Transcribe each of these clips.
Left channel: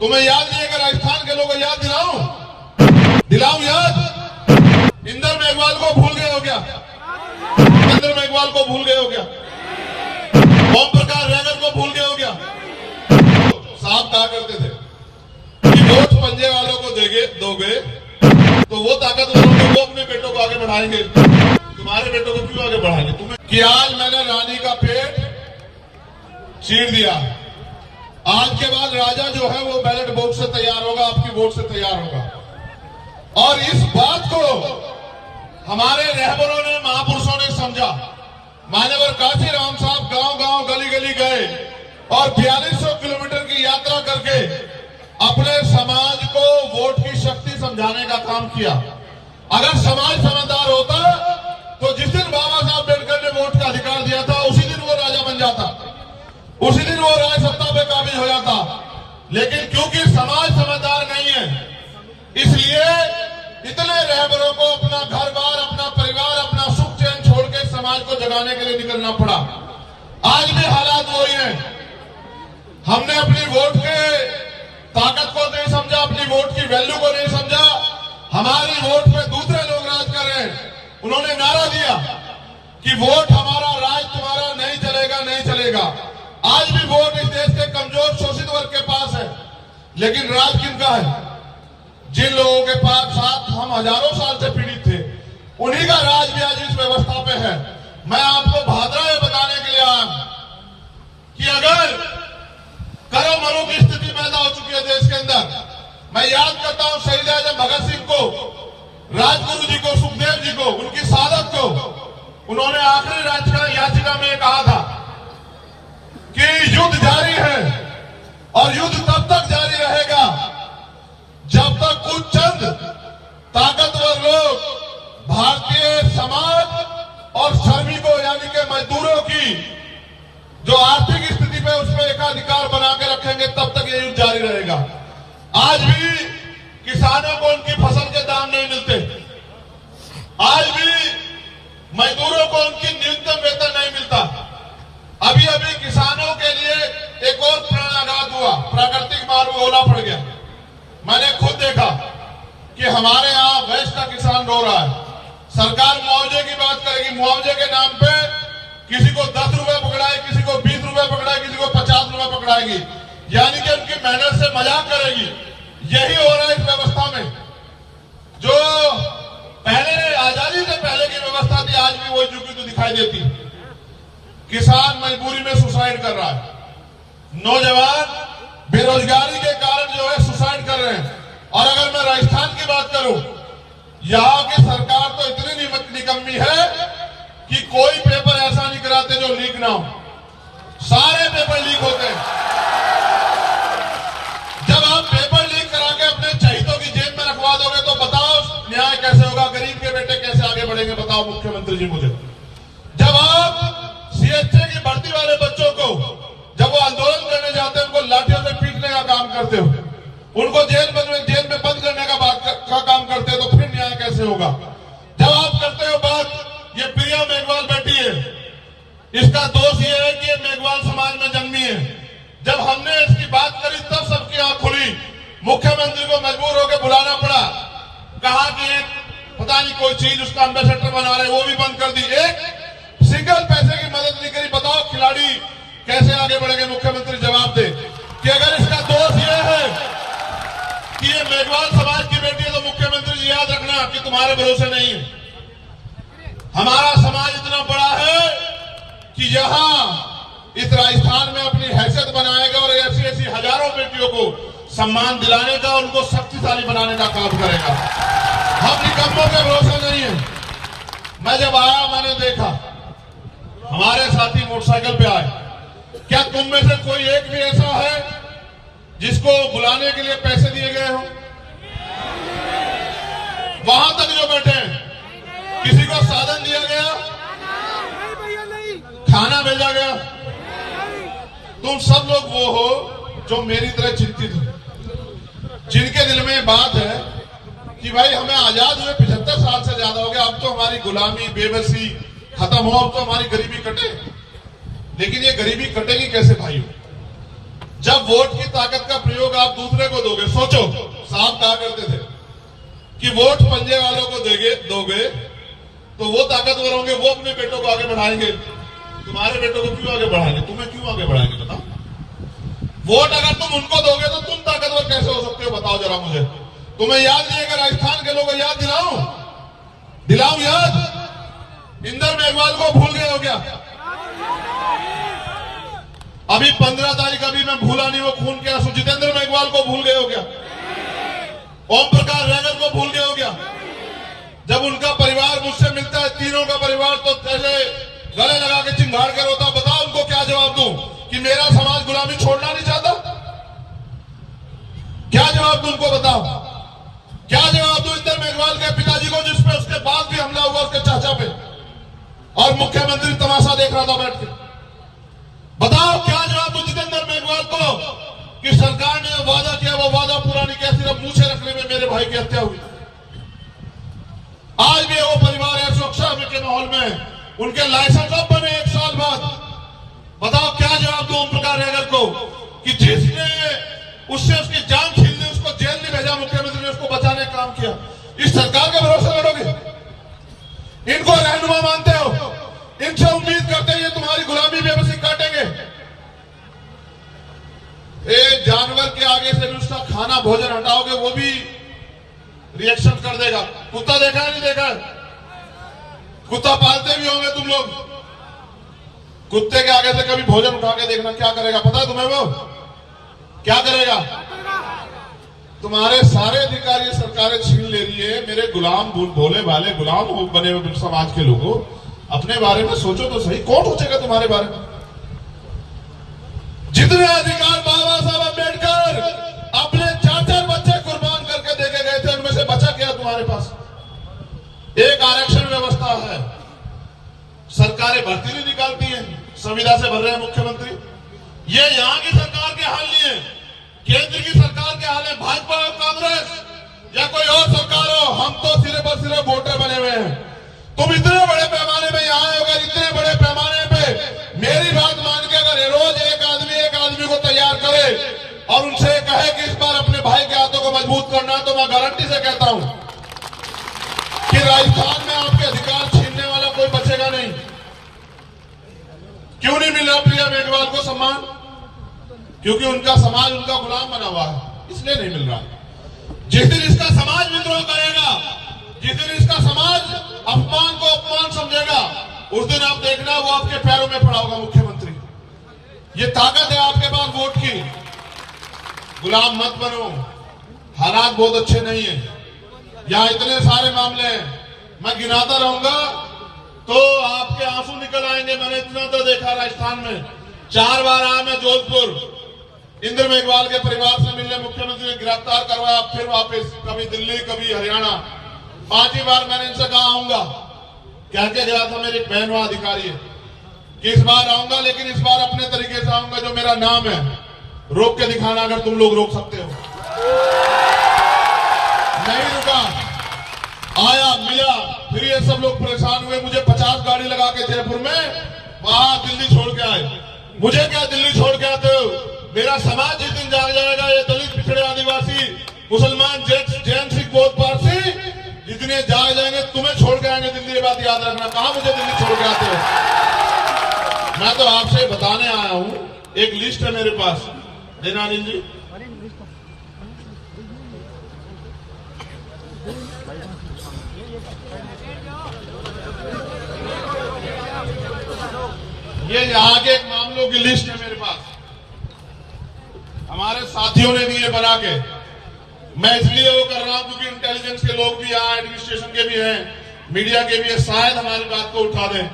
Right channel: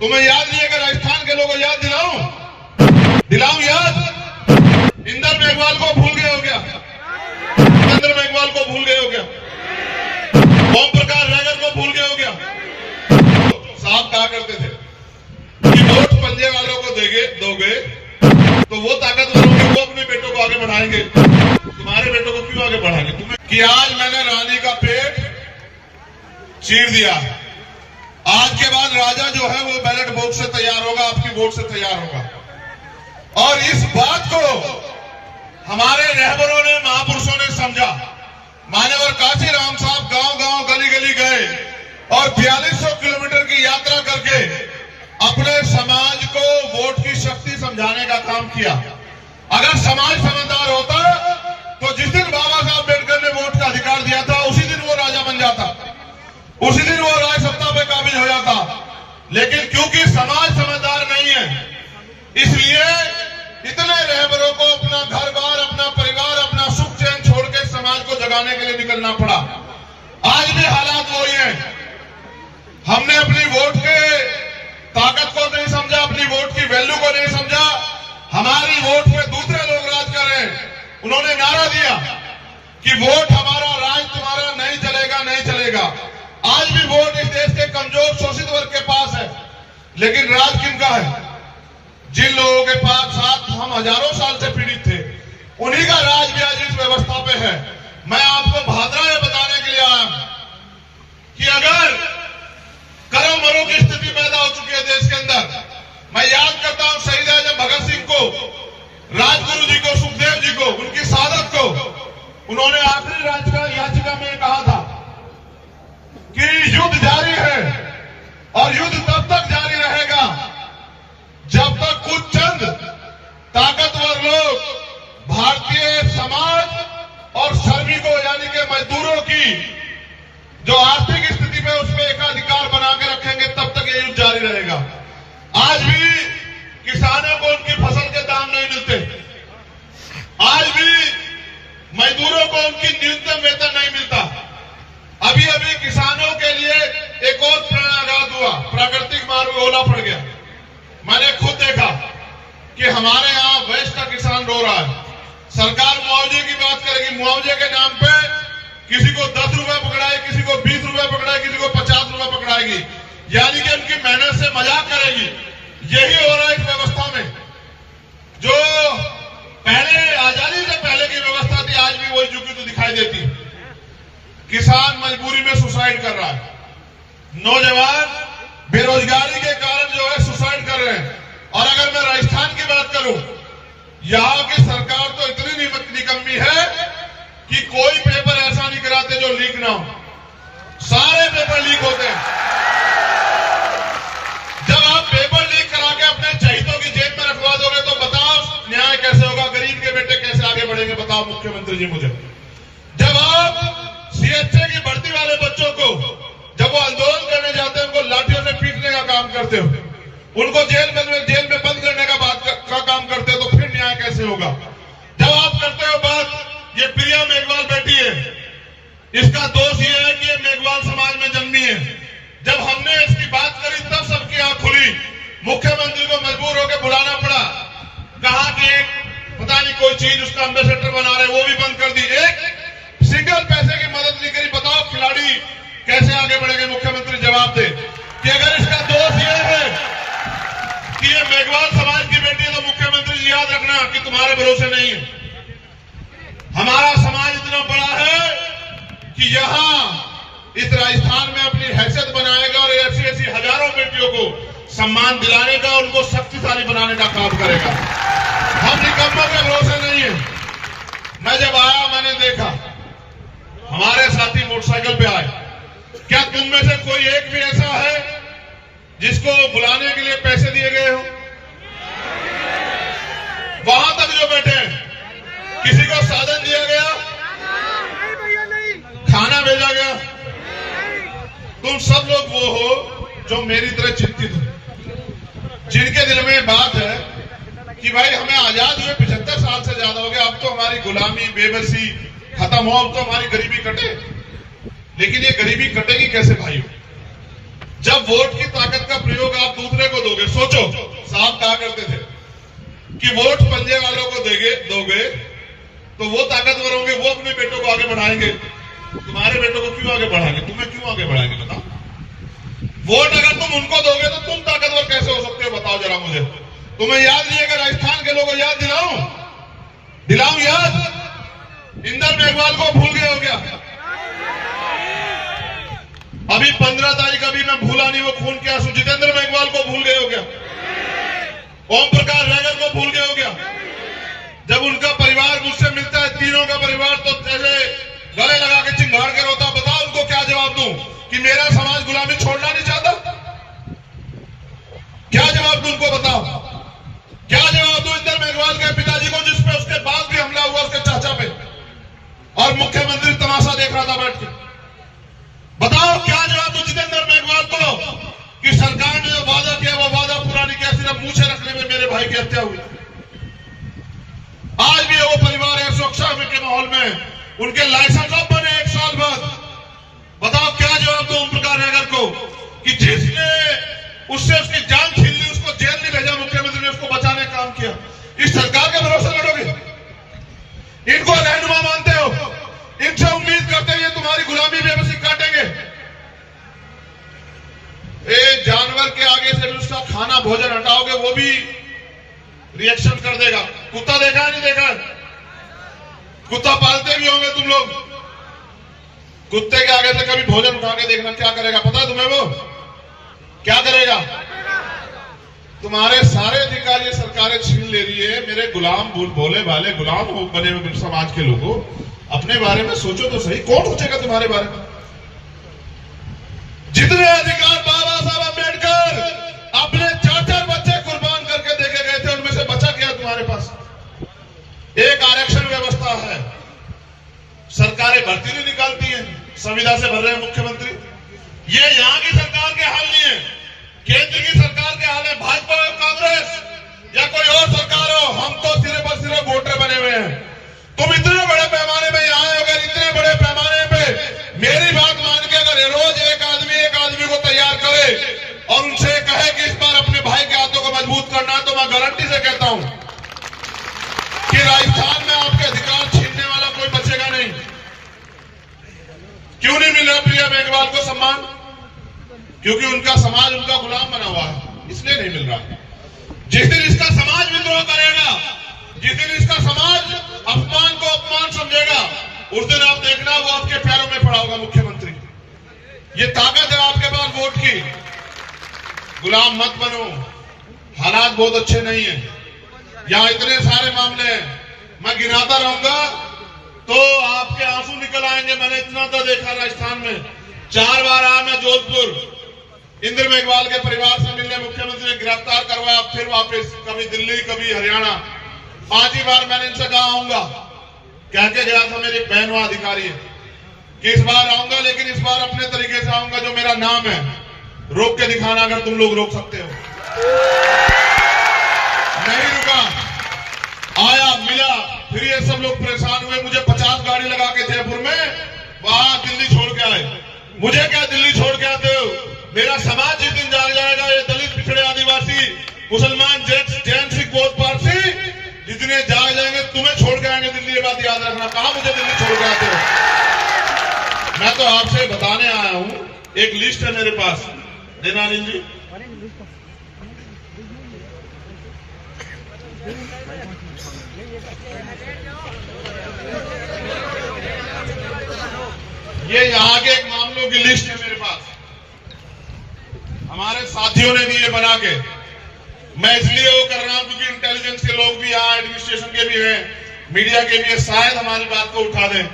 तुम्हें याद नहीं है कि राजस्थान के लोगों को याद दिलाऊं याद? इंदर मेघवाल को भूल गए हो क्या? इंदर मेघवाल को भूल गए हो क्या? ओम प्रकाश रैगर को भूल गए हो क्या? साहब कहा करते थे कि वोट पंजे वालों को दोगे तो वो ताकत वो अपने बेटों को आगे बढ़ाएंगे, तुम्हारे बेटों को क्यों आगे बढ़ाएंगे? तुम्हें कि आज मैंने रानी का पेट चीर दिया, आज के बाद राजा जो है वो बैलेट वोट से तैयार होगा, आपकी वोट से तैयार होगा। और इस बात को हमारे रहबरों ने, महापुरुषों ने समझा। मान्यवर काशीराम साहब गांव-गांव, गली-गली गए और 4200 किलोमीटर की यात्रा करके अपने समाज को वोट की शक्ति समझाने का काम किया। अगर समाज समझदार होता तो जिस दिन बाबा साहब अम्बेडकर ने वोट का अधिकार दिया था उसी दिन वो राजा बन जाता, उसी दिन वो राज सत्ता पे काबिज हो जाता। लेकिन क्योंकि समाज समझदार नहीं है, इसलिए इतने रहबरों को अपना घर बार, अपना परिवार, अपना सुख चैन छोड़ के समाज को जगाने के लिए निकलना पड़ा। आज भी हालात वही है। हमने अपनी वोट के ताकत को नहीं समझा, अपनी वोट की वैल्यू को नहीं समझा। हमारी वोट पे दूसरे लोग राज कर रहे हैं। उन्होंने नारा दिया कि वोट हमारा, राज तुम्हारा नहीं चलेगा, नहीं चलेगा। आज भी वोट इस देश के कमजोर शोषित वर्ग के पास है, लेकिन राज किनका है? जिन लोगों के पास साथ हम हजारों साल से पीड़ित थे, उन्हीं का राज भी आज इस व्यवस्था पे है। मैं आपको भादरा ये बताने के लिए आया कि अगर करो मरो की स्थिति पैदा हो चुकी है देश के अंदर। मैं याद करता हूं शहीद आजम भगत सिंह को, राजगुरु जी को, सुखदेव जी को, उनकी शहादत को। उन्होंने आखिरी याचिका में कहा था कि युद्ध जारी है और युद्ध तब तक जारी रहेगा जब तक कुछ चंद ताकतवर लोग भारतीय समाज और श्रमिकों यानी कि मजदूरों की जो आर्थिक स्थिति पे उसमें एकाधिकार बना के रखेंगे, तब तक ये युद्ध जारी रहेगा। आज भी किसानों को उनकी फसल के दाम नहीं मिलते, आज भी मजदूरों को उनकी न्यूनतम वेतन नहीं मिलता। अभी अभी किसानों के लिए एक और प्राणाघात हुआ, प्राकृतिक मार्ग में ओला पड़ गया। मैंने खुद देखा कि हमारे यहां वैश्य का किसान रो रहा है। सरकार मुआवजे की बात करेगी, मुआवजे के नाम पे किसी को 10 रुपए पकड़ाएगी, किसी को 20 रुपए पकड़ाएगी, किसी को 50 रुपए पकड़ाएगी, यानी कि उनकी मेहनत से मजाक करेगी। यही हो रहा है इस व्यवस्था में। जो पहले आजादी से पहले की व्यवस्था थी, आज भी वही झुकी तो दिखाई देती। किसान मजबूरी में सुसाइड कर रहा है, नौजवान बेरोजगारी के कारण जो है सुसाइड कर रहे हैं। और अगर मैं राजस्थान की बात करूं, यहां की सरकार तो इतनी निकम्मी है कि कोई पेपर ऐसा नहीं कराते जो लीक ना हो। सारे पेपर लीक होते हैं। जब आप पेपर लीक करा के अपने चहितों की जेब में रखवा दोगे तो बताओ न्याय कैसे होगा? गरीब के बेटे कैसे आगे बढ़ेंगे? बताओ मुख्यमंत्री जी मुझे। जब आप सीएचए की भर्ती वाले बच्चों को, जब वो आंदोलन करने जाते हैं, उनको लाठियों से पीटने का काम करते हो, उनको जेल में बंद करने का काम करते हो, तो फिर न्याय कैसे होगा? जब आप करते हो बात, ये प्रिया मेघवाल बैठी है, इसका दोष ये है कि ये मेघवाल समाज में जन्मी है। जब हमने इसकी बात करी तब सबकी आंख खुली। मुख्यमंत्री को मजबूर होकर बुलाना पड़ा, कहा कि एक पता नहीं कोई चीज उसका एम्बेसडर बना रहे, वो भी बंद कर दी। एक सिंगल पैसे की मदद नहीं करी। बताओ खिलाड़ी कैसे आगे बढ़ेंगे? मुख्यमंत्री जवाब दे कि अगर इसका दोष ये है कि ये मेघवाल समाज की बेटी है, तो मुख्यमंत्री जी याद रखना कि तुम्हारे भरोसे नहीं है। हमारा समाज इतना बड़ा है कि यहां इस राजस्थान में अपनी हैसियत बनाएगा और ऐसी ऐसी हजारों बेटियों को सम्मान दिलाने का, उनको शक्तिशाली बनाने का काम करेगा। हम निकम्मों के भरोसे नहीं है। मैं जब आया, मैंने देखा हमारे साथी मोटरसाइकिल पे आए। क्या तुम में से कोई एक भी ऐसा है जिसको बुलाने के लिए पैसे दिए गए हो? वहां तक जो बैठे हैं, किसी को साधन दिया गया? खाना भेजा गया? तुम सब लोग वो हो जो मेरी तरह चिंतित हो, जिनके दिल में बात है कि भाई हमें आजाद हुए 75 साल से ज्यादा हो गया, अब तो हमारी गुलामी, बेबसी खत्म हो, अब तो हमारी गरीबी कटे। लेकिन ये गरीबी कटेगी कैसे भाइयों? जब वोट की ताकत का प्रयोग आप दूसरे को कहा करते थे कि वोट पंजे वालों को दोगे तो वो ताकतवर होंगे, वो अपने बेटों को आगे बढ़ाएंगे। तुम्हारे बेटों को क्यों आगे बढ़ाएंगे? तुम्हें क्यों आगे बढ़ाएंगे? बताओ। वोट अगर तुम उनको दोगे तो तुम ताकतवर कैसे हो सकते हो? बताओ जरा मुझे। तुम्हें याद नहीं है? अगर राजस्थान के लोगों को याद दिलाऊं याद। इंदर मेघवाल को भूल गए हो क्या? अभी 15 तारीख, अभी मैं भूला नहीं वो खून के आंसू। जितेंद्र मेघवाल को भूल गए हो क्या? ओम प्रकाश रैगर को भूल गए हो क्या? जब उनका परिवार मुझसे मिलता है, तीनों का परिवार, तो जैसे गले लगा के चिंगाड़ कर होता। बताओ उनको क्या जवाब दूं कि मेरा समाज गुलामी छोड़ना नहीं चाहता? क्या जवाब दूं उनको? बताओ क्या जवाब दूं इंदर मेघवाल के पिताजी को, जिसपे उसके बाद भी हमला हुआ उसके चाचा पे, और मुख्यमंत्री तमाशा देख रहा था बैठ के? बताओ क्या जवाब दूं जितेंद्र मेघवाल को कि सरकार ने जो वादा किया वो वादा पूरा नहीं किया, सिर्फ मुंह से रखने में मेरे भाई की हत्या हुई। आज भी वो परिवार है सुरक्षा के माहौल में, उनके लाइसेंस अब बने 1 साल बाद। बताओ क्या जवाब दो ओम प्रकाश रैगर को कि जिसने उससे उसकी जान छीन ली, उसको जेल नहीं भेजा, मुख्यमंत्री ने उसको बचाने का काम किया। इस सरकार के भरोसे लड़ोगे? इनको रहनुमा मानते हो? इनसे उम्मीद करते हैं ये तुम्हारी गुलामी बेबसी काटेंगे? एक जानवर के आगे से भी उसका खाना भोजन हटाओगे वो भी रिएक्शन कर देगा। कुत्ता देखा है? नहीं देखा है? कुत्ता पालते भी होंगे तुम लोग। कुत्ते के आगे से कभी भोजन उठा के देखना, क्या करेगा पता है तुम्हें? वो क्या करेगा? तुम्हारे सारे अधिकार ये सरकारें छीन ले रही है। मेरे गुलाम भोले भाले गुलाम बने हुए समाज के लोगों, अपने बारे में सोचो तो सही। कौन सोचेगा तुम्हारे बारे में? जितने अधिकार बाबा साहब अम्बेडकर अपने 4-4 बच्चे कुर्बान करके देके गए थे, उनमें से बचा क्या तुम्हारे पास? एक आरक्षण व्यवस्था है, सरकारें भर्ती नहीं निकालती हैं, संविदा से भर रहे हैं मुख्यमंत्री। ये यहां की सरकार के हाल नहीं है, केंद्र की सरकार के हाल है। भाजपा और कांग्रेस या कोई और सरकार हो, हम तो सिर्फ और सिर्फ वोटर बने हुए हैं। तुम इतने बड़े पैमाने पे आए, अगर इतने बड़े पैमाने पे मेरी बात मान के अगर रोज एक आदमी को तैयार करे और उनसे कहे कि इस बार अपने भाई के हाथों को मजबूत करना है, तो मैं गारंटी से कहता हूं कि राजस्थान में आपके अधिकार छीनने वाला कोई बचेगा नहीं। क्यों नहीं मिल रहा प्रिया मेघवाल को सम्मान? क्योंकि उनका समाज उनका गुलाम बना हुआ है, इसलिए नहीं मिल रहा। जिस दिन इसका समाज विद्रोह करेगा, जिस दिन इसका समाज अपमान को अपमान समझेगा, उस दिन आप देखना वो आपके पैरों में पड़ा होगा मुख्यमंत्री। ये ताकत है आपके पास वोट की। गुलाम मत बनो, हालात बहुत अच्छे नहीं है। यहां इतने सारे मामले हैं, मैं गिनाता रहूंगा तो आपके आंसू निकल आएंगे। मैंने इतना तो देखा राजस्थान में। 4 बार आया मैं जोधपुर, इंदर मेघवाल के परिवार से मिलने। मुख्यमंत्री ने गिरफ्तार करवाया, फिर वापस, कभी दिल्ली कभी हरियाणा। 5ही बार मैंने इनसे कहा आऊंगा, कह के गया था मेरी बहन वहां अधिकारी है कि इस बार आऊंगा, लेकिन इस बार अपने तरीके से आऊंगा, जो मेरा नाम है रोक के दिखाना अगर तुम लोग रोक सकते हो। नहीं रुका, आया, मिला, फिर ये सब लोग परेशान हुए। मुझे 50 गाड़ी लगा के जयपुर में वहां दिल्ली छोड़ के आए। मुझे क्या दिल्ली छोड़ के आते हो? मेरा समाज जिस दिन जाग जाएगा, ये दलित, पिछड़े, आदिवासी, मुसलमान, जैन, सिख, बौद्ध, पारसी जितने जाग जाएंगे, तुम्हें छोड़ के आएंगे दिल्ली। ये बात याद रखना। कहां मुझे दिल्ली छोड़ के आते हो? मैं तो आपसे बताने आया हूं, एक लिस्ट है मेरे पास, देना अनिल जी। ये यहाँ के एक मामलों की लिस्ट है मेरे पास, हमारे साथियों ने दी है बना के। मैं इसलिए वो कर रहा हूं क्योंकि इंटेलिजेंस के लोग भी यहाँ, एडमिनिस्ट्रेशन के भी हैं, मीडिया के भी हैं, शायद हमारी बात को उठा दें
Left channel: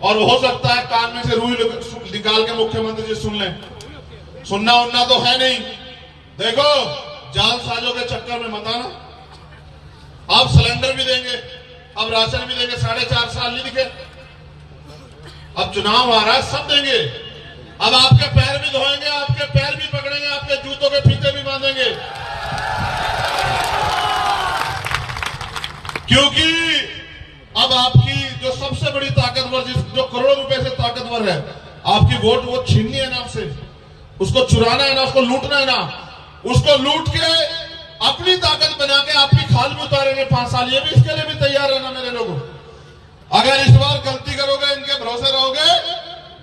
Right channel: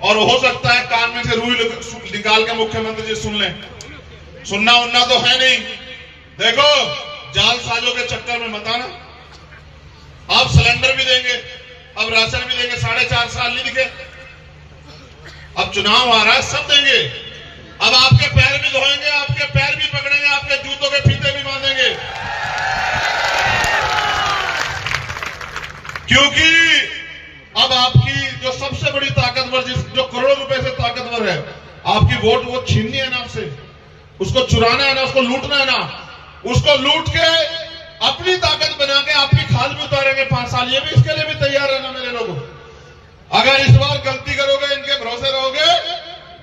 और हो सकता है कान में से रुई निकाल के मुख्यमंत्री जी सुन लें। सुनना उनना तो है नहीं। देखो, जालसाजों के चक्कर में मत आना। आप सिलेंडर भी देंगे, अब राशन भी देंगे, 4.5 साल नहीं दिखे। अब चुनाव आ रहा है, सब देंगे। अब आपके पैर भी धोएंगे, आपके पैर भी पकड़ेंगे, आपके जूतों के फीते भी बांधेंगे, क्योंकि अब आपकी जो सबसे बड़ी ताकतवर, जो करोड़ों रुपए से ताकतवर है, आपकी वोट, वो छीननी है ना आपसे, उसको चुराना है ना, उसको लूटना है ना। उसको लूट के अपनी ताकत बना के आपकी खाल में उतारेंगे 5 साल। ये भी इसके लिए भी तैयार है ना मेरे लोगों। अगर इस बार गलती करोगे, इनके भरोसे रहोगे,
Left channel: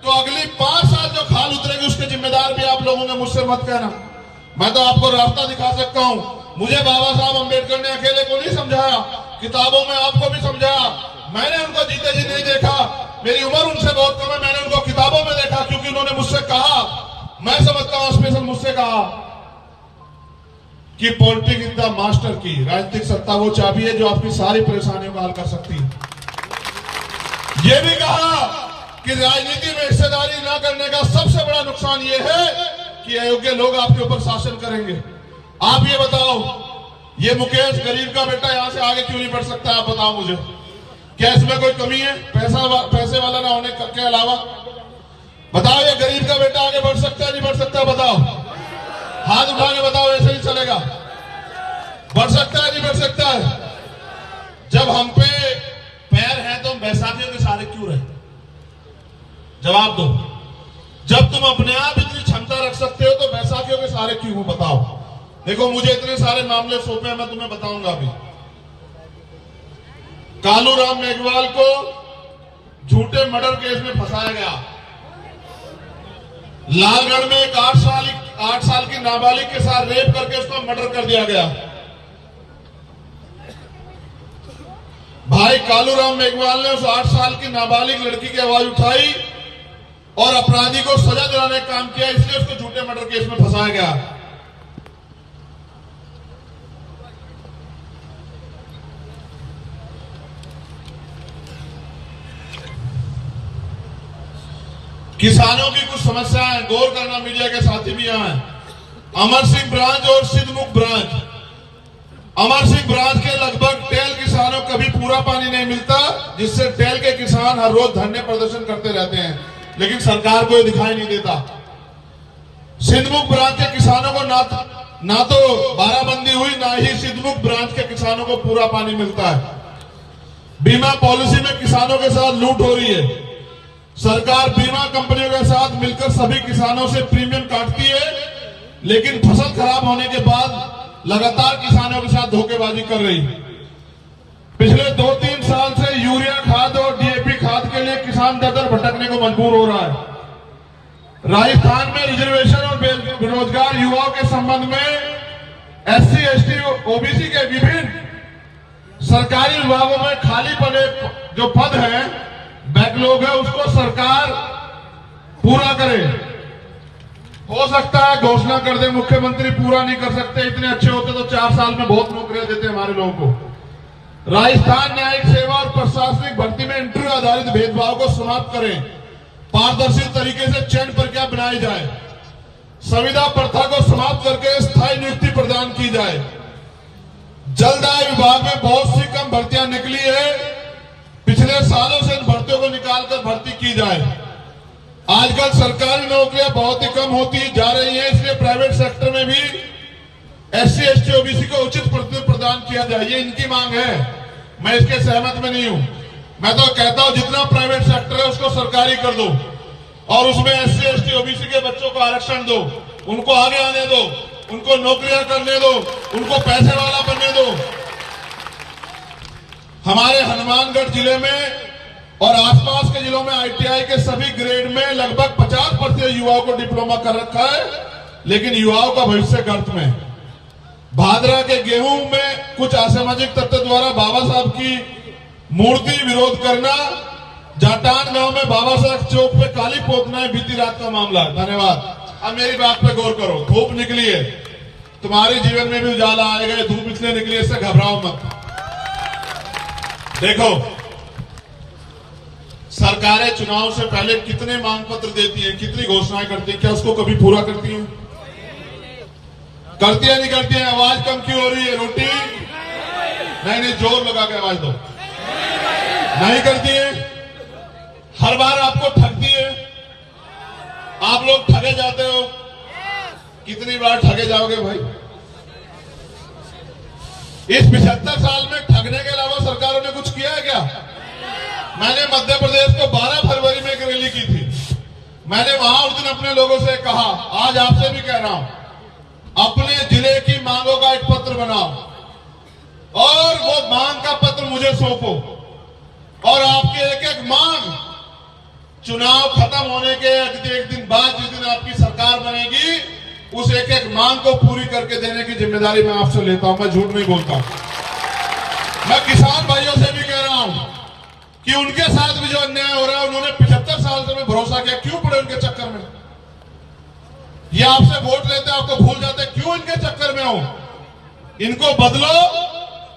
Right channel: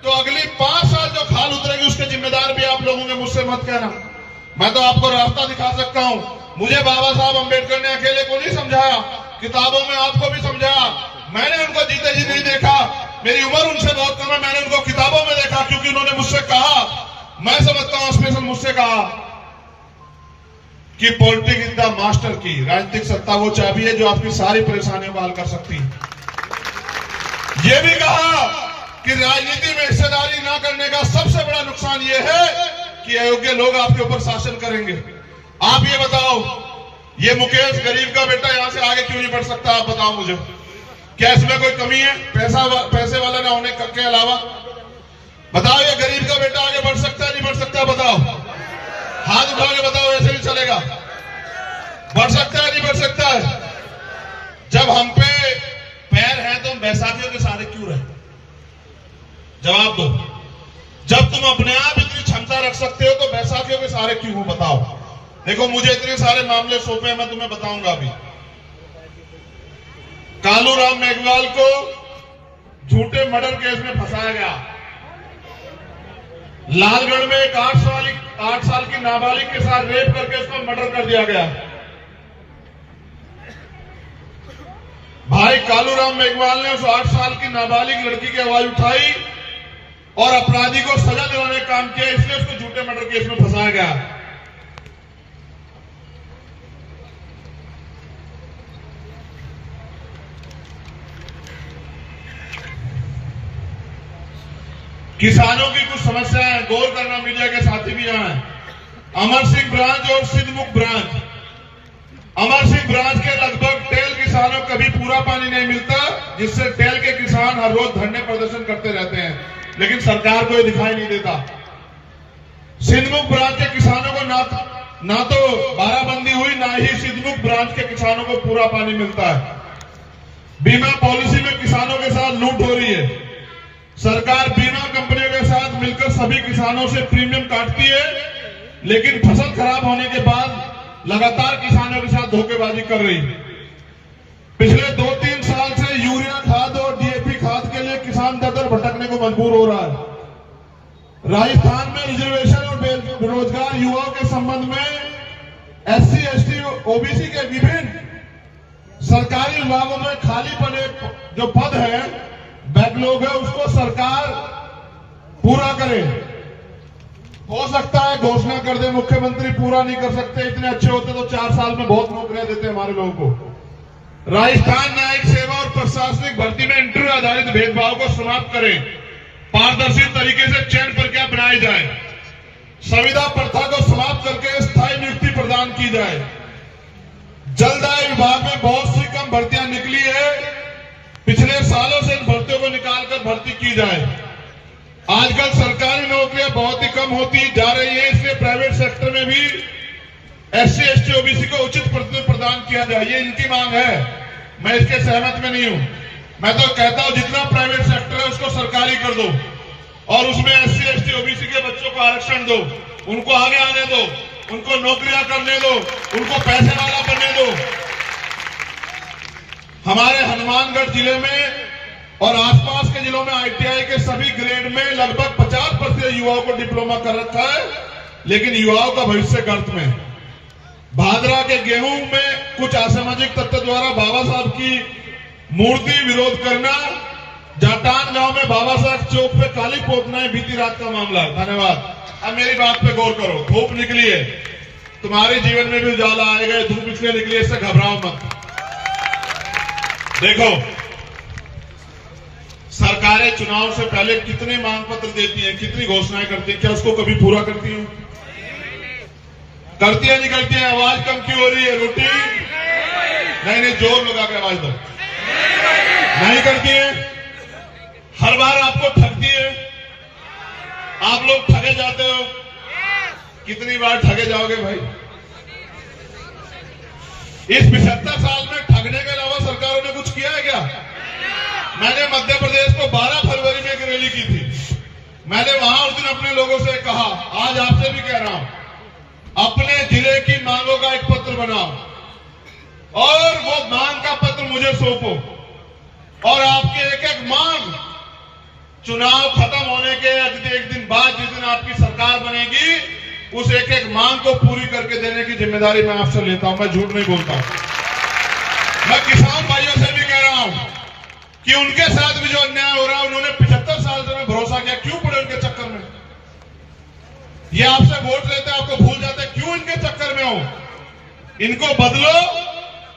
तो अगली 5 साल जो खाल उतरेगी उसके जिम्मेदार भी आप लोगों ने, मुझसे मत कहना। मैं तो आपको रास्ता दिखा सकता हूं। मुझे बाबा साहब अंबेडकर ने अकेले को नहीं समझाया, किताबों में आपको भी समझाया। मैंने उनको जीते जी नहीं देखा, मेरी उम्र उनसे बहुत कम है। मैंने उनको किताबों में देखा, क्योंकि उन्होंने मुझसे कहा, मैं समझता हूं स्पेशल मुझसे कहा कि पॉलिटिक्स इज द मास्टर की, राजनीतिक सत्ता वो चाबी है जो आपकी सारी परेशानियों को हल कर सकती है। यह भी कहा कि राजनीति में हिस्सेदारी ना करने का सबसे बड़ा नुकसान यह है कि अयोग्य लोग आपके ऊपर शासन करेंगे। आप ये बताओ, ये मुकेश गरीब का बेटा यहां से आगे क्यों नहीं बढ़ सकता? आप बताओ मुझे, क्या इसमें कोई कमी है पैसे वाला ना होने के अलावा? बताओ, ये गरीब का बेटा आगे बढ़ सकता है नहीं बढ़ सकता? बताओ, हाथ उठा के बताओ, ऐसे ही चलेगा? बढ़ सकता है नहीं बढ़ सकता है? जब हम पे पैर है तो हम बैसाखियों के सहारे क्यों रहे? जवाब दो। जब तुम अपने आप इतनी क्षमता रख सकते हो तो बैसाखियों के सहारे क्यों हो? बताओ। देखो, मुझे इतने सारे मामले सौंपे हैं, मैं तुम्हें बताऊंगा अभी। कालूराम मेघवाल को झूठे मर्डर केस में फंसाया गया। लालगढ़ में एक 8 साल की नाबालिग के साथ रेप करके उसका मर्डर कर दिया गया। भाई कालूराम मेघवाल ने उस 8 साल की नाबालिग लड़की की आवाज उठाई और अपराधी को सजा दिलाने का काम किया, इसलिए उसको झूठे मर्डर केस में फंसाया गया। किसानों की कुछ समस्याएं गौर करना, मीडिया के साथी भी यहां हैं। अमर सिंह ब्रांच और सिद्धमुख ब्रांच। अमर सिंह ब्रांच के लगभग टेल किसानों को कभी पूरा पानी नहीं मिलता, जिससे टेल के किसान हर रोज धरने प्रदर्शन करते रहते हैं, लेकिन सरकार को ये दिखाई नहीं देता। सिद्धमुख ब्रांच के किसानों को ना तो बाराबंदी हुई, ना ही सिद्धमुख ब्रांच के किसानों को पूरा पानी मिलता है। बीमा पॉलिसी में किसानों के साथ लूट हो रही है। सरकार बीमा कंपनियों के साथ मिलकर सभी किसानों से प्रीमियम काटती है, लेकिन फसल खराब होने के बाद लगातार किसानों के साथ धोखेबाजी कर रही है। पिछले 2-3 साल से यूरिया खाद और डीएपी खाद के लिए किसान दर भटकने को मजबूर हो रहा है। राजस्थान में रिजर्वेशन और बेरोजगार युवाओं के संबंध में SC, ST, OBC के विभिन्न सरकारी विभागों में खाली पड़े जो पद है, बैकलॉग है, उसको सरकार पूरा करे। हो सकता है घोषणा कर दे मुख्यमंत्री, पूरा नहीं कर सकते। इतने अच्छे होते तो 4 साल में बहुत नौकरियां देते हमारे लोगों को। राजस्थान न्यायिक सेवा और प्रशासनिक भर्ती में इंटरव्यू आधारित भेदभाव को समाप्त करें। पारदर्शी तरीके से चयन प्रक्रिया बनाई जाए। संविदा प्रथा को समाप्त करके स्थायी नियुक्ति प्रदान की जाए। जलदाय विभाग में बहुत सी कम भर्तियां निकली है, पिछले सालों से इन भर्तियों को निकालकर भर्ती की जाए। आजकल सरकारी नौकरियां बहुत ही कम होती जा रही है, इसलिए प्राइवेट सेक्टर में भी SC, ST, OBC को उचित प्रतिनिधित्व प्रदान किया जाए। ये इनकी मांग है, मैं इसके सहमत में नहीं हूं। मैं तो कहता हूं जितना प्राइवेट सेक्टर है उसको सरकारी कर दो और उसमें SC, ST, OBC के बच्चों को आरक्षण दो, उनको आगे आने दो, उनको नौकरियां करने दो, उनको पैसे वाला बनने दो। हमारे हनुमानगढ़ जिले में और आसपास के जिलों में ITI के सभी ग्रेड में लगभग 50% युवाओं को डिप्लोमा कर रखा है, लेकिन युवाओं का भविष्य गर्त में है। भादरा के गेहूं में कुछ असामाजिक तत्व द्वारा बाबा साहब की मूर्ति विरोध करना, जाटान गांव में बाबा साहब चौक पे काली पोतना है, बीती रात का मामला है। धन्यवाद। अब मेरी बात पे गौर करो। धूप निकली है, तुम्हारे जीवन में भी उजाला आएगा। धूप इसलिए निकली है, इससे घबराओ मत। देखो, सरकारें चुनाव से पहले कितने मांग पत्र देती हैं, कितनी घोषणाएं करती हैं, क्या उसको कभी पूरा करती हैं? करती है नहीं करती है? आवाज कम क्यों हो रही है? रोटी नहीं, जोर लगा के आवाज दो। नहीं करती है, हर बार आपको ठगती है। आप लोग ठगे जाते हो। कितनी बार ठगे जाओगे भाई? इस 75 साल में ठगने के अलावा सरकारों ने कुछ किया है क्या? मैंने मध्य प्रदेश को 12 फरवरी में एक रैली की थी। मैंने वहां उस दिन अपने लोगों से कहा, आज आपसे भी कह रहा हूं, अपने जिले की मांगों का एक पत्र बनाओ। मांग का पत्र मुझे सौंपो और आपकी एक एक मांग चुनाव खत्म होने के एक दिन बाद जिस दिन आपकी सरकार बनेगी उस एक एक मांग को पूरी करके देने की जिम्मेदारी मैं आपसे लेता हूं। मैं झूठ नहीं बोलता हूं। मैं किसान भाइयों से भी कह रहा हूं कि उनके साथ भी जो अन्याय हो रहा है, उन्होंने 75 साल से मैं भरोसा किया, क्यों पड़े उनके चक्कर में? ये आपसे वोट लेते आपको भूल जाते, क्यों इनके चक्कर में हो? इनको बदलो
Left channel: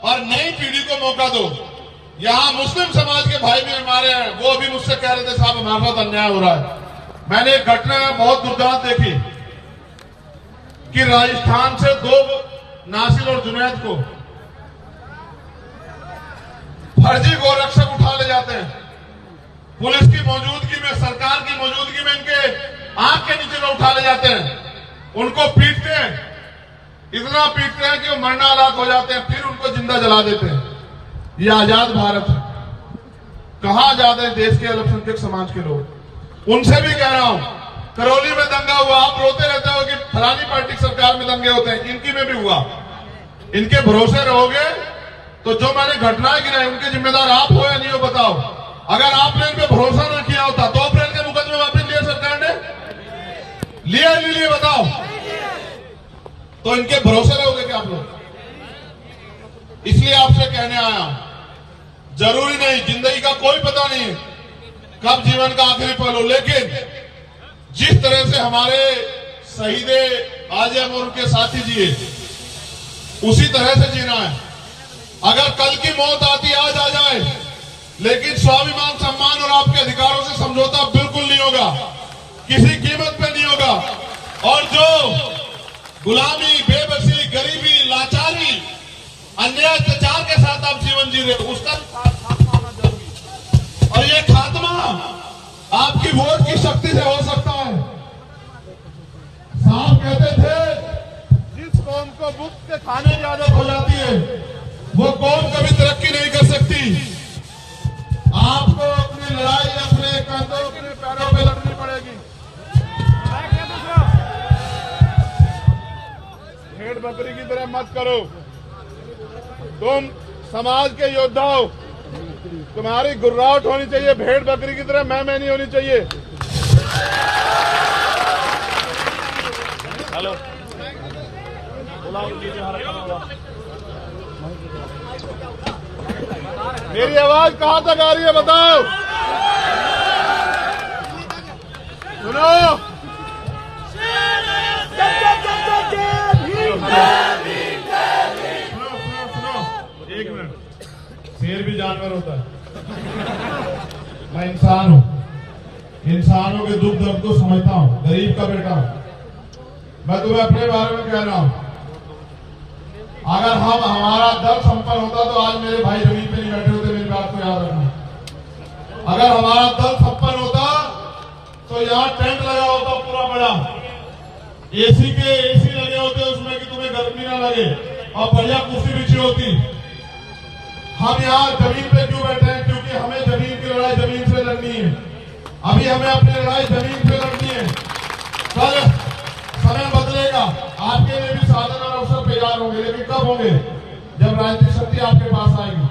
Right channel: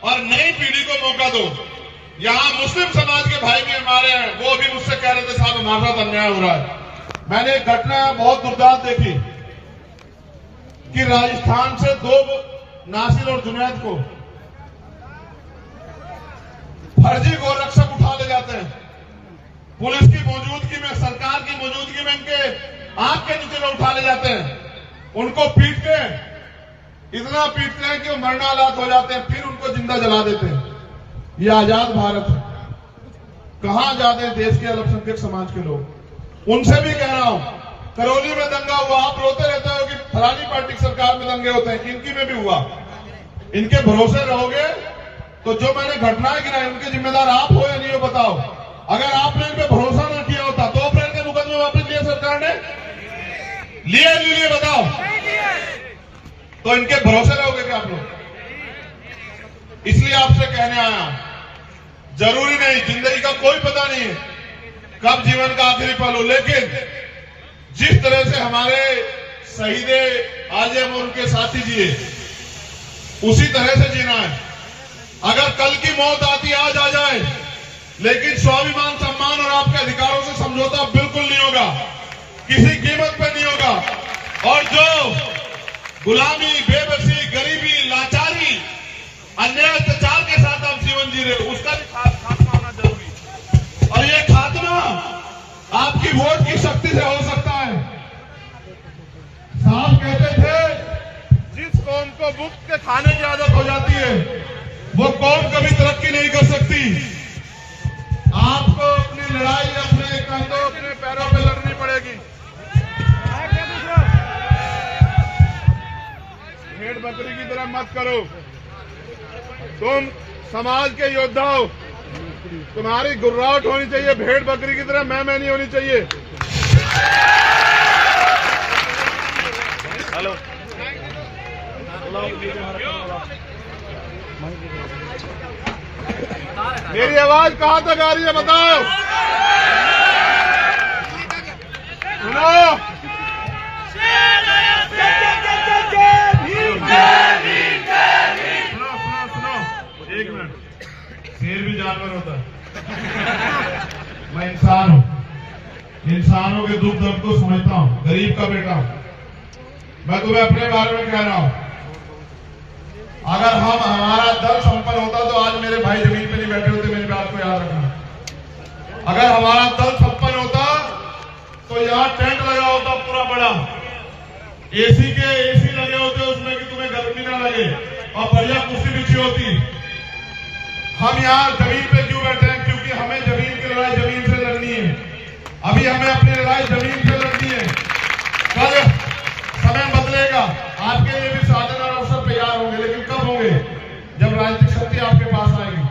और नई पीढ़ी को मौका दो। यहां मुस्लिम समाज के भाई भी हमारे हैं, वो भी मुझसे कह रहे थे साहब हमारे साथ अन्याय हो रहा है। मैंने एक घटना बहुत दुर्दांत देखी कि राजस्थान से 2 नासिर और जुनैद को फर्जी गोरक्षक उठा ले जाते हैं। पुलिस की मौजूदगी में, सरकार की मौजूदगी में इनके आंख के नीचे लोग उठा ले जाते हैं, उनको पीटते हैं, इतना पीटते हैं कि वो मरणालात हो जाते हैं, फिर उनको जिंदा जला देते हैं। ये आजाद भारत है। कहां आजाद है देश के अल्पसंख्यक समाज के लोग? उनसे भी कह रहा हूं, करौली में दंगा हुआ, आप रोते रहते हो कि फलानी पार्टी की सरकार में दंगे होते हैं, इनकी में भी हुआ। इनके भरोसे रहोगे तो जो मैंने घटनाएं गिनाई उनके जिम्मेदार आप हो या नहीं हो बताओ। अगर आपने इन पे भरोसा ना किया होता 2 अप्रैल के मुकदमे वापस लिए सरकार ने? लिए बताओ। तो इनके भरोसे रहोगे क्या आप लोग? इसलिए आपसे कहने आया हूं, जरूरी नहीं, जिंदगी का कोई पता नहीं है कब जीवन का आखिरी पल हो, लेकिन जिस तरह से हमारे शहीदे आजम और उनके साथी जिए उसी तरह से जीना है। अगर कल की मौत आती आज आ जाए, लेकिन स्वाभिमान, सम्मान और आपके अधिकारों से समझौता बिल्कुल नहीं होगा, किसी कीमत पे नहीं होगा। और जो गुलामी, बेबसी, गरीबी, लाचारी, अन्याय, अत्याचार के साथ आप जीवन जी रहे, उसका भी खात्मा होना जरूरी। और ये खात्मा आपकी वोट की शक्ति से हो सकता है। साहब कहते थे जिस कौम को मुफ्त के खाने की आदत हो जाती है वो कौम कभी तरक्की नहीं कर सकती। आपको अपनी लड़ाई अपने कंधों, अपने पैरों पे लड़नी पड़ेगी। भेड़ बकरी की तरह मत करो। तुम समाज के योद्धा हो, तुम्हारी गुर्राहट होनी चाहिए, भेड़ बकरी की तरह मैं नहीं होनी चाहिए। हेलो, मेरी आवाज कहां तक आ रही है बताओ? सुनो, एक मिनट, शेर भी जानवर होता है। मैं इंसान हूं, इंसानों के दुख दर्द को समझता हूं, गरीब का बेटा हूं। मैं तुम्हें अपने बारे में कह रहा हूं, अगर हमारा दल संपन्न होता तो आज मेरे भाई जमीन पे नहीं बैठे होते, मेरी बात को याद रखना। अगर हमारा दल संपन्न होता तो यहाँ टेंट लगा होता पूरा बड़ा, एसी लगे होते उसमें कि तुम्हें गर्मी ना लगे, और बढ़िया कुर्सी बिछी होती। हम यहाँ जमीन पे क्यों बैठे हैं? क्योंकि हमें जमीन की लड़ाई जमीन से लड़नी है। अभी हमें अपनी लड़ाई जमीन से लड़नी है। कल समय बदलेगा, आपके लिए भी साधन और अवसर तैयार होंगे, लेकिन कब होंगे? जब राजनीतिक शक्ति आपके पास आएगी।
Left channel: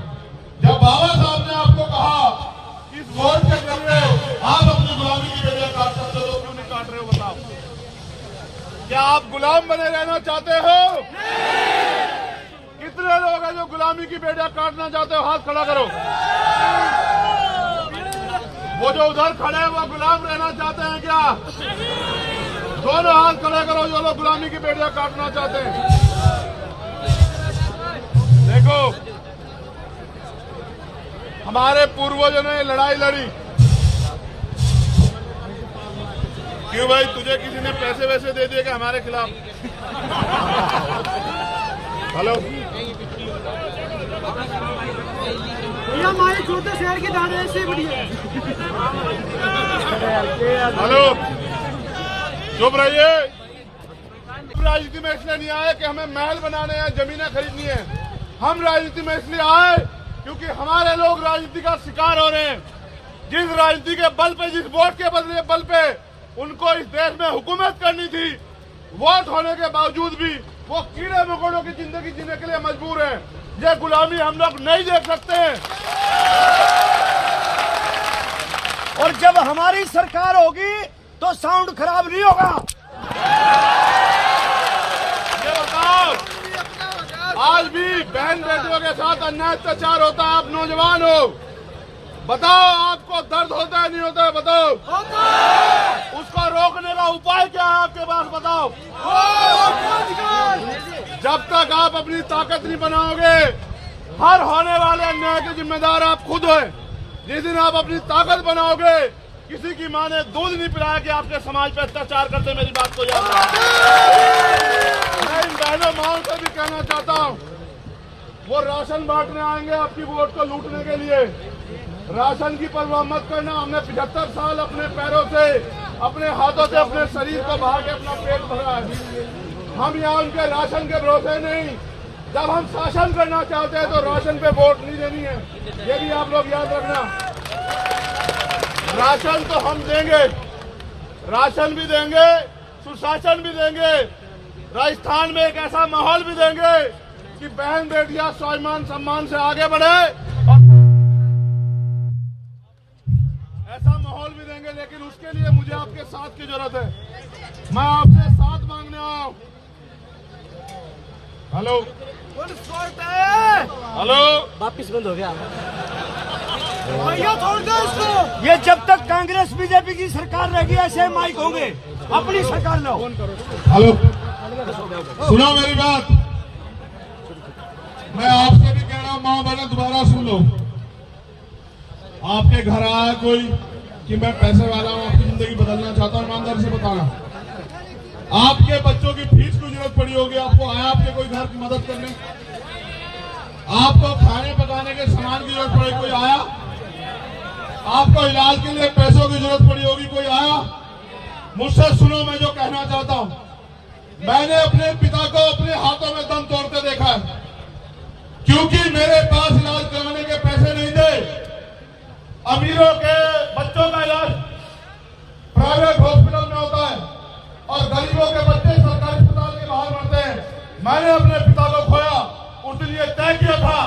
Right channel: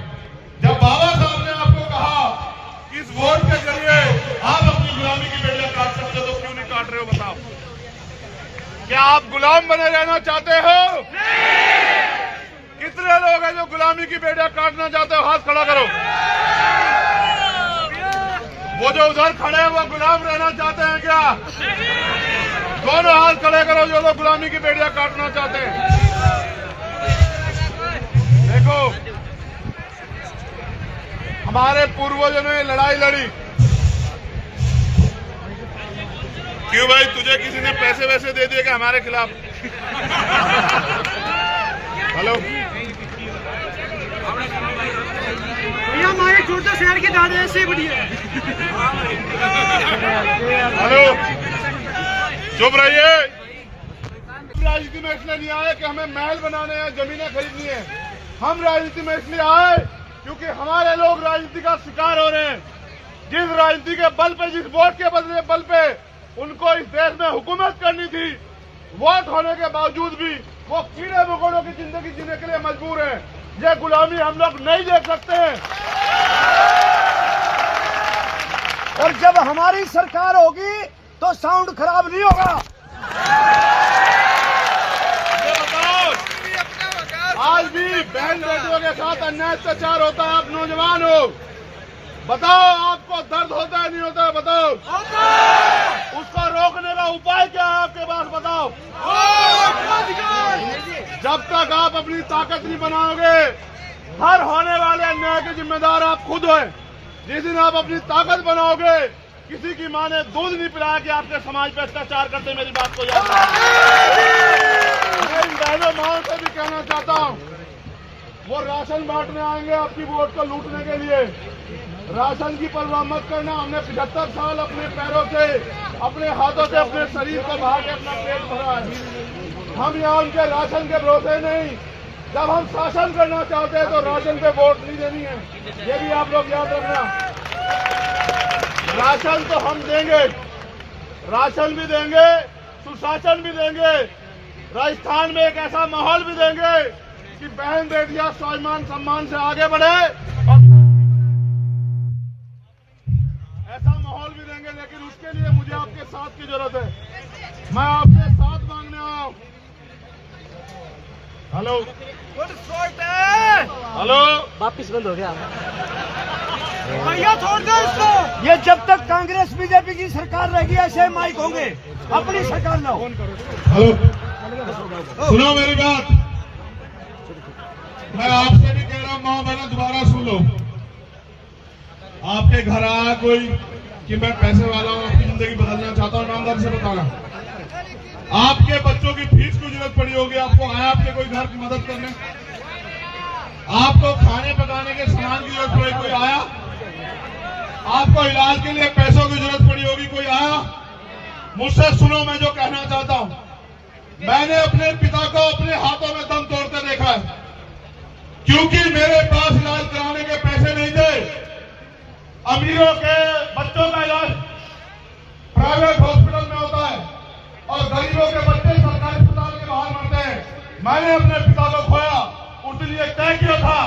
जब बाबा साहब ने आपको कहा कि इस वोट के जरिए आप अपनी गुलामी की बेड़ियां काट सकते, तो क्यों नहीं काट रहे हो बताओ? क्या आप गुलाम बने रहना चाहते हो? कितने लोग हैं जो गुलामी की बेड़ियां काटना चाहते हो? हाथ खड़ा करो। वो जो उधर खड़े हैं वो गुलाम रहना चाहते हैं क्या? दोनों हाथ खड़े करो जो लोग गुलामी की बेड़ियां काटना चाहते हैं। देखो, हमारे पूर्वजों ने लड़ाई लड़ी। क्यों भाई, तुझे किसी ने पैसे वैसे दे दिए क्या हमारे खिलाफ? हेलो भैया, हमारे छोटे शहर की दाढ़ी ऐसे बड़ी है। हेलो, चुप रहिए। राजनीति में इसलिए नहीं आए कि हमें महल बनाने हैं, जमीनें खरीदनी है। हम राजनीति में इसलिए आए क्योंकि हमारे लोग राजनीति का शिकार हो रहे हैं। जिस राजनीति के बल पे, जिस वोट के बदले बल पे उनको इस देश में हुकूमत करनी थी, वोट होने के बावजूद भी वो कीड़े मकोड़ों की जिंदगी जीने के लिए मजबूर है। ये गुलामी हम लोग नहीं देख सकते हैं। और जब हमारी सरकार होगी तो साउंड खराब नहीं होगा। ये बताओ, आज भी बहन बेटियों के साथ अन्याय अत्याचार होता है। आप नौजवान हो, बताओ आपको दर्द होता है नहीं होता है? बताओ, उसको रोकने का उपाय क्या है आपके पास? बताओ। जब तक आप अपनी ताकत नहीं बनाओगे, हर होने वाले अन्याय के जिम्मेदार आप खुद हो। जिस दिन आप अपनी ताकत बनाओगे, किसी की माँ ने दूध नहीं पिलाया कि आपके समाज पे अत्याचार करते। मेरी बात को याद रखना। मैं इन बहनों माओं से भी कहना चाहता हूँ, वो राशन बांटने आएंगे आपकी वोट को लूटने के लिए। राशन की परवाह मत करना। हमने 75 साल अपने पैरों से, अपने हाथों से, अपने शरीर को बहा के अपना पेट भरा है। हम यहाँ उनके राशन के भरोसे नहीं। जब हम शासन करना चाहते हैं तो राशन पे वोट नहीं देनी है। ये भी आप लोग याद रखना। राशन तो हम देंगे, राशन भी देंगे, सुशासन भी देंगे। राजस्थान में एक ऐसा माहौल भी देंगे कि बहन बेटियां स्वाभिमान सम्मान से आगे बढ़े, और ऐसा माहौल भी देंगे। लेकिन उसके लिए मुझे आपके साथ की जरूरत है। मैं आपसे साथ मांगने आया हूं। हेलो हेलो, वापिस बंद हो गया। भैया छोड़ दो इसको। ये जब तक कांग्रेस बीजेपी की सरकार रहेगी ऐसे माइक होंगे। अपनी सरकार लो। हेलो, सुनो मेरी बात। मैं आपसे भी कह रहा हूँ, माँ बहना दोबारा सुन लो। आपके घर आया कोई कि मैं पैसे वाला हूँ, आपकी जिंदगी बदलना चाहता हूँ, ईमानदारी से बताना। आपके बच्चों की फीस की जरूरत पड़ी होगी, आपको आया आपके कोई घर की मदद करने? आपको खाने पकाने के सामान की जरूरत पड़ी, कोई आया? आपको इलाज के लिए पैसों की जरूरत पड़ी होगी, कोई आया? मुझसे सुनो, मैं जो कहना चाहता हूं, मैंने अपने पिता को अपने हाथों में दम तोड़ते देखा है। क्योंकि मेरे पास इलाज कराने के पैसे नहीं थे। अमीरों के बच्चों का इलाज प्राइवेट हॉस्पिटल में होता है और गरीबों के बच्चे सरकारी अस्पताल के बाहर मरते हैं। मैंने अपने पिता को खोया, उसलिए तय किया था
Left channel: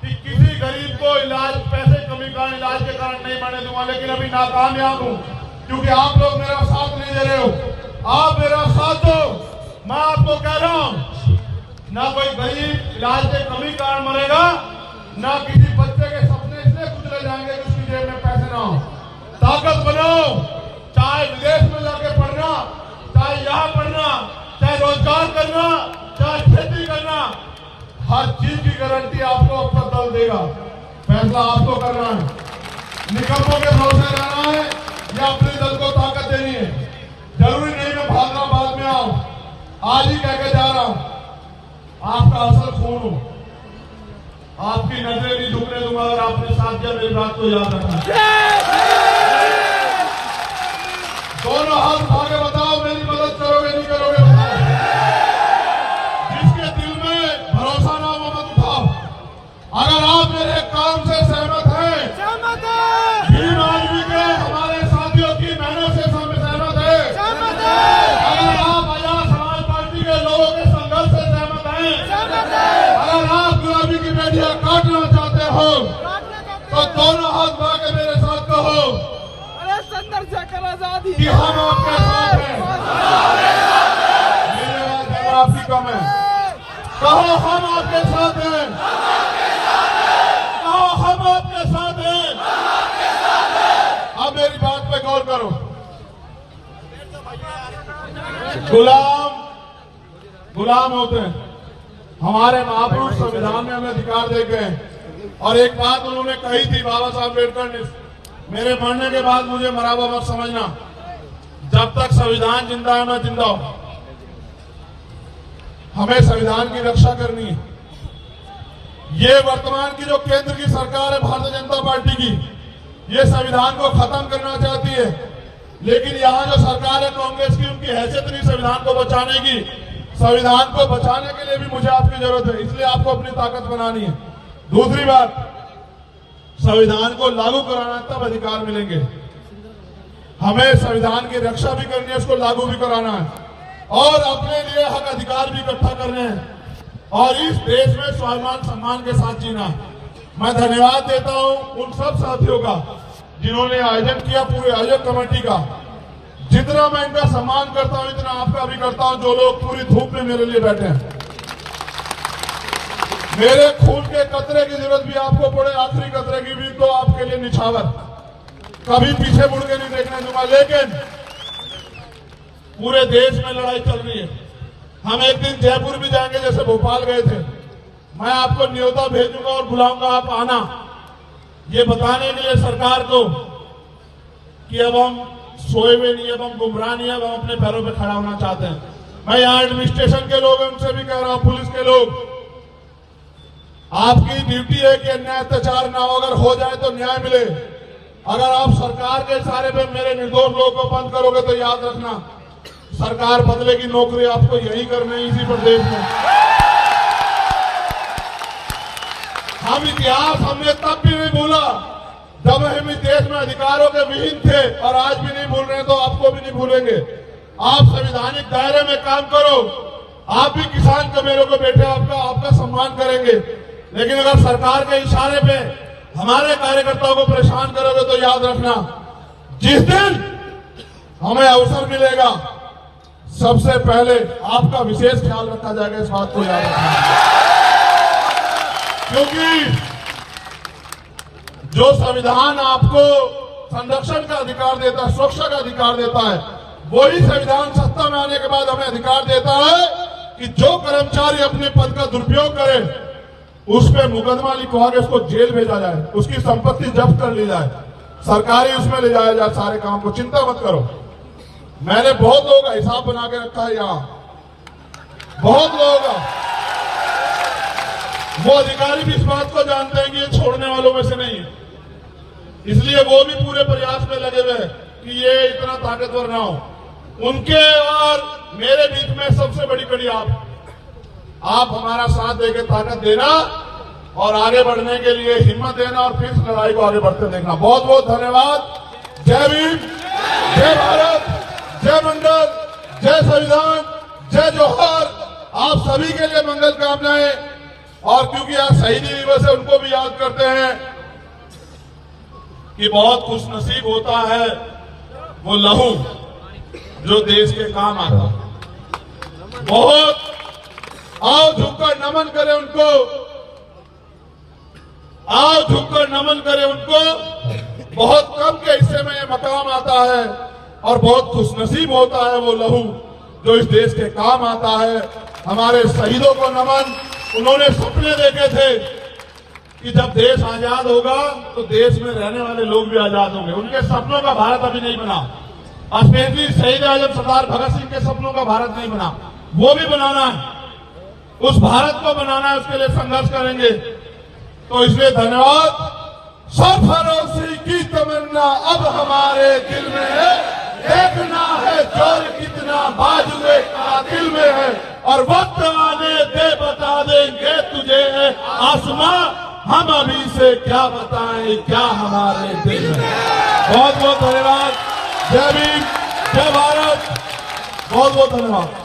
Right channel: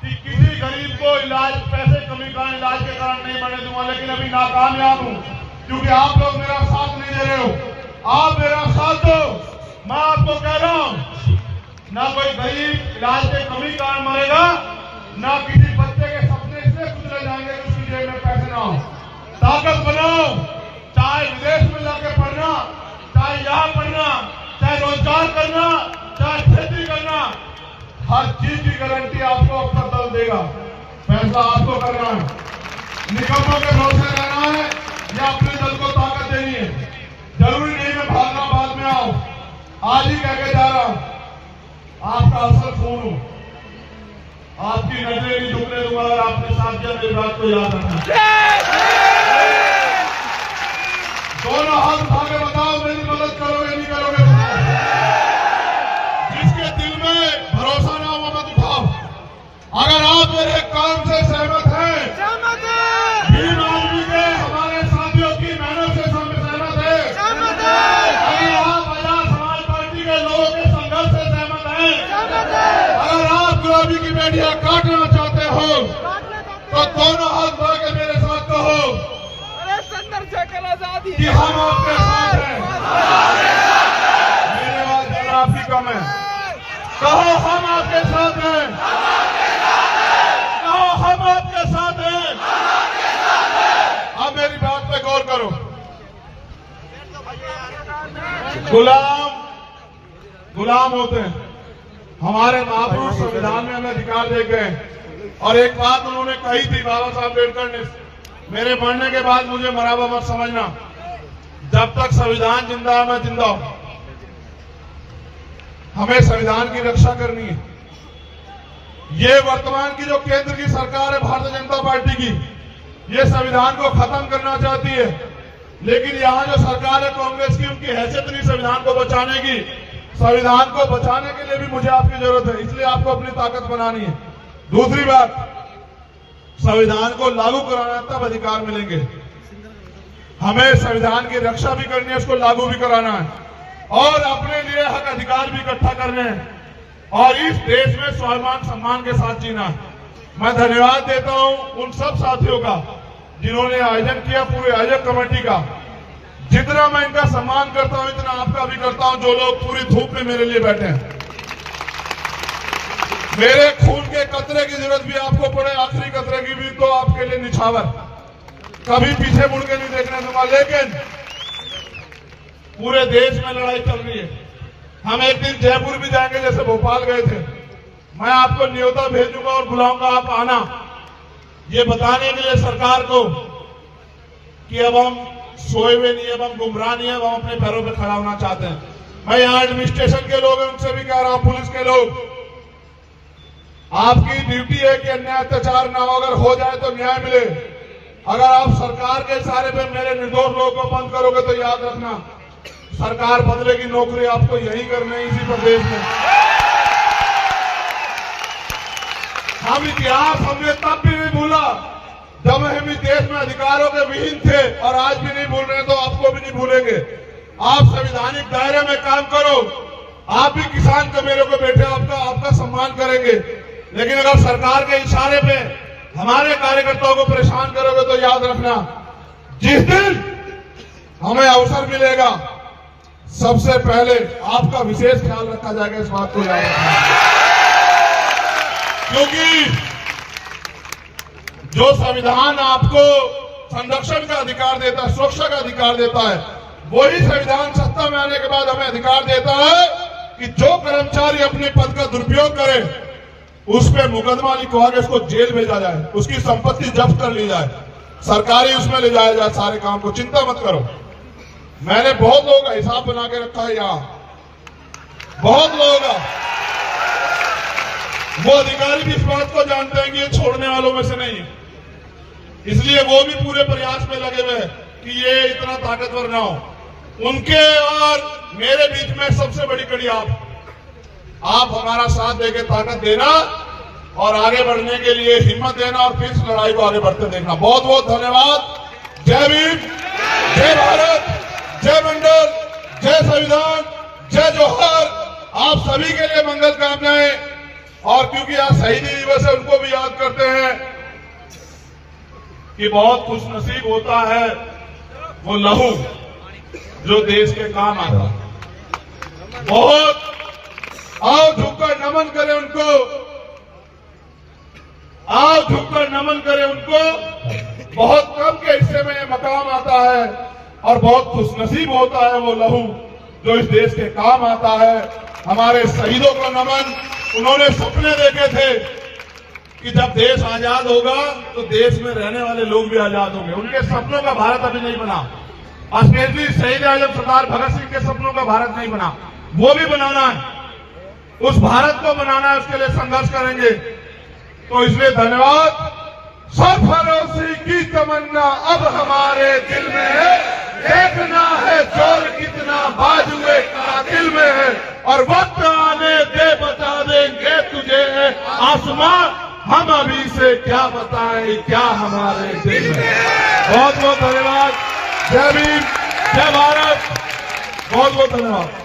कि किसी गरीब को इलाज, पैसे कमी कारण, इलाज के कारण नहीं मरने दूंगा। लेकिन अभी नाकामयाब हूं, क्योंकि आप लोग मेरा साथ नहीं दे रहे हो। आप मेरा साथ दो। मैं आपको कह रहा हूं, ना कोई गरीब इलाज के कमी कारण मरेगा, ना किसी बच्चे के सपने इसलिए कुचले जाएंगे कि उसकी जेब में पैसे ना हो। ताकत बनाओ, चाहे विदेश में जाके पढ़ना, चाहे यहाँ पढ़ना, चाहे रोजगार करना, चाहे खेती करना, हर चीज की गारंटी आपको अपना दल देगा। फैसला आपको करना है। निकम्मों के भरोसे रहना है या अपने दल को ताकत देनी है। जरूरी नहीं मैं भागना बाद में आऊं। आज ही कह के जा रहा हूं, आपका असल खून हूं। आपकी नजरें नहीं झुकने दूंगा अगर आपने साथ दिया। मेरी बात को याद रखना। दोनों हाथ उठा के बताओ, मेरी मदद करोगे नहीं करोगे? बताओ। जिसके दिल में भरोसा ना हो मत उठाओ। अगर आप मेरे काम से सहमत हैं, भीम आदमी के हमारे साथियों की मेहनत से सहमत है, अगर आप आजाद समाज पार्टी के लोगों के संघर्ष से सहमत हैं, अगर आप गुलामी की बेटियां काटना चाहते हो, तो दोनों हाथ बढ़ा के मेरे साथ कहो कि हम आपके साथ हैं। मेरी आवाज ज्यादा आपकी कम है। कहो हम आपके साथ हैं। कहो हम आपके साथ हैं। अब मेरी बात पे गौर करो। गुलाम होते हैं। हमारे महापुरुष संविधान में हमें अधिकार दे गए। और एक बात उन्होंने कही थी, बाबा साहब अम्बेडकर ने, मेरे मरने के बाद मुझे मराबा मत समझना। जब तक संविधान जिंदा है मैं जिंदा हूं। हमें संविधान की रक्षा करनी है। ये वर्तमान की जो केंद्र की सरकार है भारतीय जनता पार्टी की, ये संविधान को खत्म करना चाहती है। लेकिन यहाँ जो सरकार है कांग्रेस की, उनकी हैसियत नहीं संविधान को बचाने की। संविधान को बचाने के लिए भी मुझे आपकी जरूरत है, इसलिए आपको अपनी ताकत बनानी है। दूसरी बात, संविधान को लागू कराना तब अधिकार मिलेंगे। हमें संविधान की रक्षा भी करनी है, उसको लागू भी कराना है और अपने लिए हक अधिकार भी इकट्ठा करने हैं। और इस देश में स्वाभिमान सम्मान के साथ जीना है। मैं धन्यवाद देता हूं उन सब साथियों का जिन्होंने आयोजन किया, पूरे आयोजक कमेटी का। जितना मैं इनका सम्मान करता हूं इतना आपका भी करता हूं, जो लोग पूरी धूप में मेरे लिए बैठे हैं। मेरे खून के कतरे की जरूरत भी आपको पड़े, आखिरी कतरे की भी, तो आपके लिए निछावर, कभी पीछे मुड़ के नहीं देखने दूंगा। लेकिन पूरे देश में लड़ाई चल रही है। हम एक दिन जयपुर भी जाएंगे, जैसे भोपाल गए थे। मैं आपको न्योता भेजूंगा और बुलाऊंगा, आप आना, ये बताने के लिए सरकार को कि अब हम सोए हुए नहीं, अब हम गुमराह नहीं है, अब हम अपने पैरों पे खड़ा होना चाहते हैं। मैं यहाँ एडमिनिस्ट्रेशन के लोग हैं उनसे भी कह रहा हूं, पुलिस के लोग, आपकी ड्यूटी है कि अन्याय अत्याचार ना हो, अगर हो जाए तो न्याय मिले। अगर आप सरकार के इशारे पे मेरे निर्दोष लोगों को बंद करोगे तो याद रखना, सरकार बदलेगी, नौकरी आपको यही करनी है, इसी प्रदेश में। हम इतिहास हमने तब भी नहीं भूला जब हम इस देश में अधिकारों के विहीन थे, और आज भी नहीं भूल रहे, तो आपको भी नहीं भूलेंगे। आप संवैधानिक दायरे में काम करो, आप भी किसान के मेरे को बैठे, आपका सम्मान करेंगे। लेकिन अगर सरकार के इशारे पे हमारे कार्यकर्ताओं को परेशान करोगे तो याद रखना, जिस दिन हमें अवसर मिलेगा सबसे पहले आपका विशेष ख्याल रखा जाएगा, इस बात को याद रखना। क्योंकि जो संविधान आपको संरक्षण का अधिकार देता है, सुरक्षा का अधिकार देता है, वही संविधान सत्ता में आने के बाद हमें अधिकार देता है कि जो कर्मचारी अपने पद का दुरुपयोग करे उस पर मुकदमा लिखवा के उसको जेल भेजा जाए, उसकी संपत्ति जब्त कर ली जाए, सरकारी उसमें ले जाया जाए सारे काम को। चिंता मत करो, मैंने बहुत लोगों का हिसाब बना के रखा है यहाँ, बहुत लोगों का। वो अधिकारी भी इस बात को जानते हैं कि ये छोड़ने वालों में से नहीं, इसलिए वो भी पूरे प्रयास में लगे हुए हैं कि ये इतना ताकतवर ना हो। उनके और मेरे बीच में सबसे बड़ी कड़ी आप हमारा साथ देकर ताकत देना और आगे बढ़ने के लिए हिम्मत देना और फिर इस लड़ाई को आगे बढ़ते देखना। बहुत बहुत धन्यवाद। जय भीम, जय भारत, जय मंडल, जय संविधान, जय जोहर। आप सभी के लिए मंगल कामनाएं। और क्योंकि आज शहीदी दिवस है, उनको भी याद करते हैं कि बहुत खुशनसीब होता है वो लहू जो देश के काम आता है। बहुत आओ झुककर नमन करें उनको, आओ झुककर नमन करें उनको। बहुत कम के हिस्से में ये मकाम आता है और बहुत खुशनसीब होता है वो लहू जो इस देश के काम आता है। हमारे शहीदों को नमन। उन्होंने सपने देखे थे कि जब देश आजाद होगा तो देश में रहने वाले लोग भी आजाद होंगे। उनके सपनों का भारत अभी नहीं बना, स्पेशली शहीद आजम सरदार भगत सिंह के सपनों का भारत नहीं बना, वो भी बनाना है। उस भारत को बनाना है, उसके लिए संघर्ष करेंगे। तो इसलिए धन्यवाद। सब भरोसे की तमन्ना अब हमारे दिल में है, देखना है जोर कितना बाजुए कातिल में है, और वक्त आने दे बता देंगे तुझे आसमां, हम अभी से क्या बताएं क्या हमारे दिल में। बहुत बहुत धन्यवाद। जय भीम, जय भारत, बहुत बहुत धन्यवाद।